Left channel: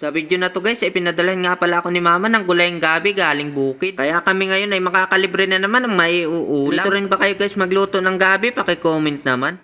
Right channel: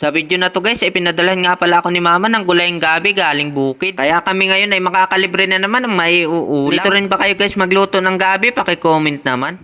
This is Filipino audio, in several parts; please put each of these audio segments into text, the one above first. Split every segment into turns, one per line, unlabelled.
Sa video na to guys, ay pinadalhan nga pala ako ni mama ng gulayang gabi galing bukid. Kaya kami ngayon ay makakalibre na naman ng may uulam. Dito rin ba kayo guys magluto ng gabi? Paki-comment naman.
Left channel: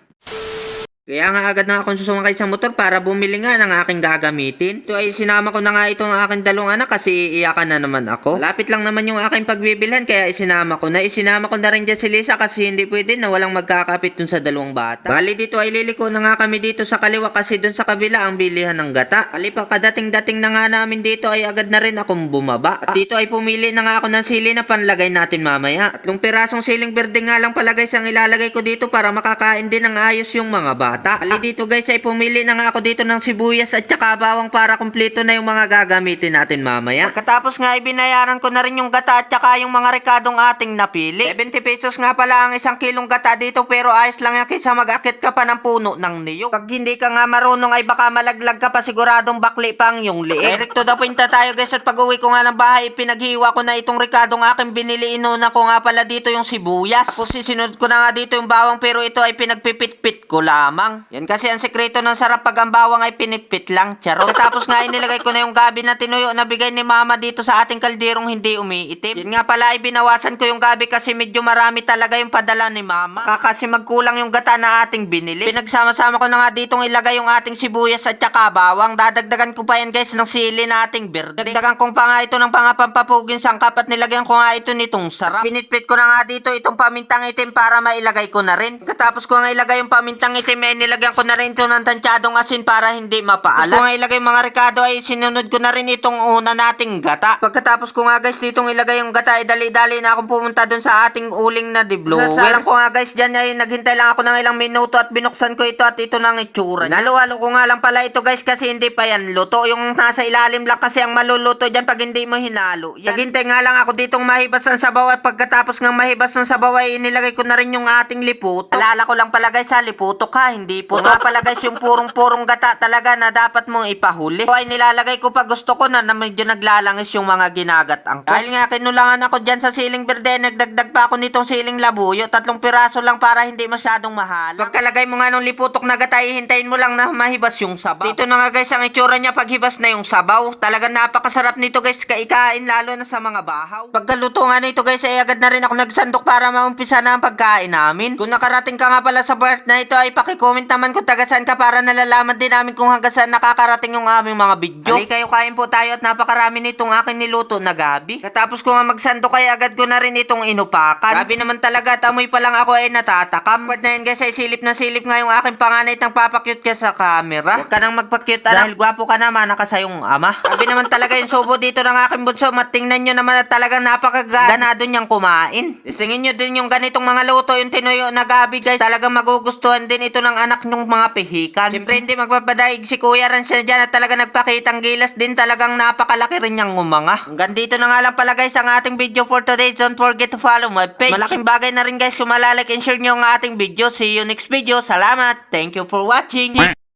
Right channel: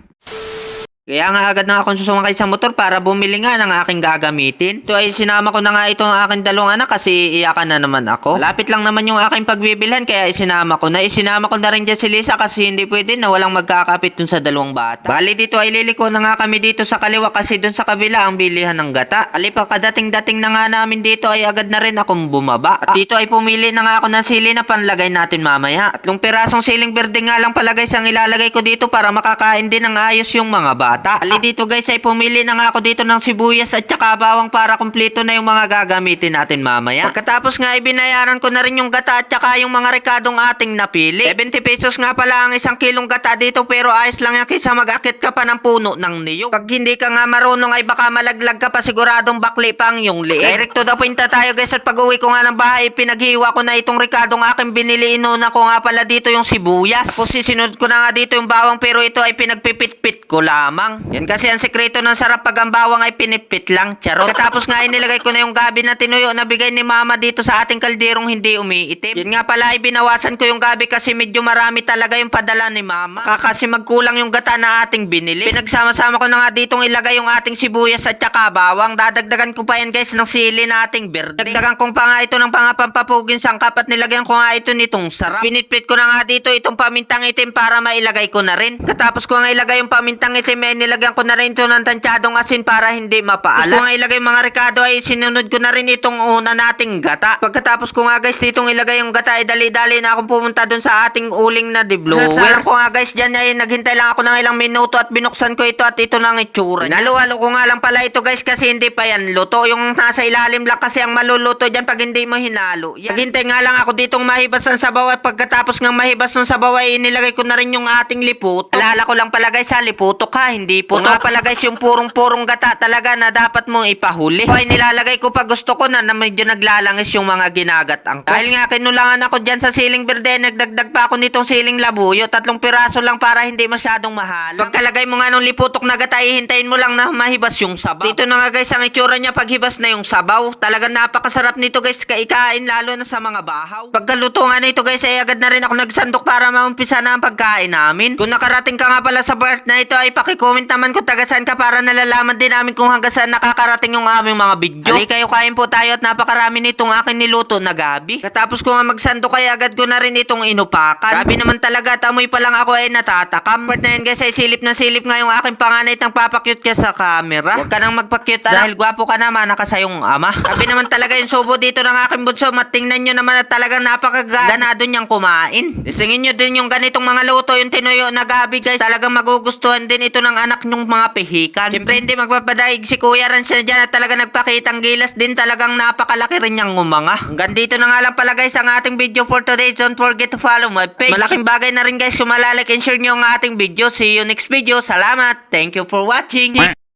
Kaya nga agad na akong susumakay sa motor para bumili nga ng aking gagamitin. Ito ay sinama ko na nga ito ng aking dalawang anak kasi iyakan na naman ako. Lapit lang naman yung aking pagbibilhan kaya isinama ko na. Isinama ko na rin dyan si Lisa kasi hindi pwede na walang magkakapit dun sa dalawang bata. Bali dito ay liliko na nga kami dito sa kaliwa kasi dun sa kabila ang bilihan ng gata. Alipa kadating-dating na nga namin dito ay agad na rin akong bumaba. At dito ay pumili na nga ako ng sili na panlagay natin mamaya. Tatlong pirasong siling berde nga lang pala guys ang ilalagay ko dito para makakain din ng ayos yung mga bata. Ali dito guys ay pumili na nga ako dito ng sibuyas at saka bawang para kumpleto na yung mga gagamitin natin mamaya. Pagkatapos nga ay binayaran ko na rin yung gata at saka yung mga rekadong ating napili. 70 pesos nga pala ang isang kilong gata dito pero ayos lang yan kaysa mag-akit ka pa ng puno ng niyog. Pag hindi ka nga marunong ay baka malaglag ka pa siguradong bakli pa ang yung liit. Direct to the point tayo guys at pag uwi ko nga ng bahay pinaghiwa ko na itong rekadong aking binili inuna ko nga pala dito yung sibuyas. Tapos sisunod ko na nga dito yung bawang pero ito ay pinagpipit-pit ko lamang. Yan kasi ang sekreto ng sarap pag ang bawang ay pinipit lang. Charot. Tapos nga inilagay ko na yung gabi na tinuyo na bigay ni mama dito sa ating kalderong hindi umiitim. Yan nga pala ay binawasan ko yung gabi kasi medyo marami talaga yung padala ni mama. Kaka kasi magkulang yung gata na ating binili. Pinagsama-sama ko na nga ditong ilagay yung ating sibuyas at saka bawang. Dadagdagan ko pa yan guys ng sili na ating berde. Dagdagan kong pa nga ito ng pangapampapugin sangkap at nilagyan ko nga ito nitong sarap. Pinitpit ko na nga dito itong pamintang itim para mailagay ko na rin. Katapos ko nga ilagay yung pamintang itim ay nilagyan ko na rin ito ng tansyadong asin para hindi mapaalat. Nga ilagay mga rekado ay sinunod ko na rin itong una nating gata. Pagkatapos ko nga guys ditong ilagay yung gata ay dali-dali na akong pumunta dun sa ating uling na diblower. Nasarap ko nga guys dyan ay naghintay lang ako ng ilang minuto at binuksan ko ito at ito na ang itsura. niya. Naluhalo ko nga lang pala ito guys kasi hindi pa yan luto. Yung nasa ilalim lang kasi ang maluluto dyan pag hindi mo hinalo. Yan. Naghintay nga lang ako ditong mahibas ng sabaw at pagkatapos ng mahibas ng sabaw ay inilagay ko na rin yung ating liputok. Alala ko lang pala guys ha, liputok ha, hindi po. Nga pala guys yung purong-purong gata talaga na dapat mong ipahuli. O ay nilalagay ko pag gusto ko na na medyo naglalangis yung mga ginagatang ko. Dahil nga kinulangan ako dyan sa siling berde, nagdagdag pa ako nitong siling labuyo. Tatlong piraso lang para hindi masyadong mahal. Pagkalagay mo nga nung liputok na gata, ihintayin mo lang na mahibas yung sabaw. Dito na nga guys ang itsura niya pag hibas na yung sabaw. Talagang napakasarap nito guys kaikain lalo na sa mga bahaw. Pagkaluto nga nito guys ay agad na rin ako nagsandok para maumpisa na ang pagkain namin. Kung nakarating ka nga pala sa part na ito ay pakicomment naman kung taga saan ka para nalalaman din namin kung hanggang saan nakakarating yung aming mga video. Ali kayo kain po tayo at napakarami nitong akin niluto na gabi. Katapos ko nga magsandok ay agad ko na rin itong inupakan. Grabe naman talaga at amoy pa lang ako ay natatakam. Part na yan guys ay silip na silip nga yung aking panganay tang papakyut ka sa camera. Huwag ka nang magpakyut ah, dahil gwapo ka naman nakasayong ama. Grabe naman talaga yung subo dito ng aking bunso. Matingnan nyo naman at talagang napakaganado niyang kumain. Tingin nyo din yung ganitong mga luto yung tinuyo na gabi guys. Talagang magugustuhan din ito ng anak nyong mga pihikan. Siyempre hindi magpapadaig si Kuya siya dyan at talaga nagpakitang gilas din talagang napakalaki rin niyang umanga. Hanggang dito na nga lang pala guys ang ating video for today. Don't forget to follow my page. Malaking bagay na rin guys kung malalike and share nyo ang ating video. See you next video. Salamat. Thank you for watching.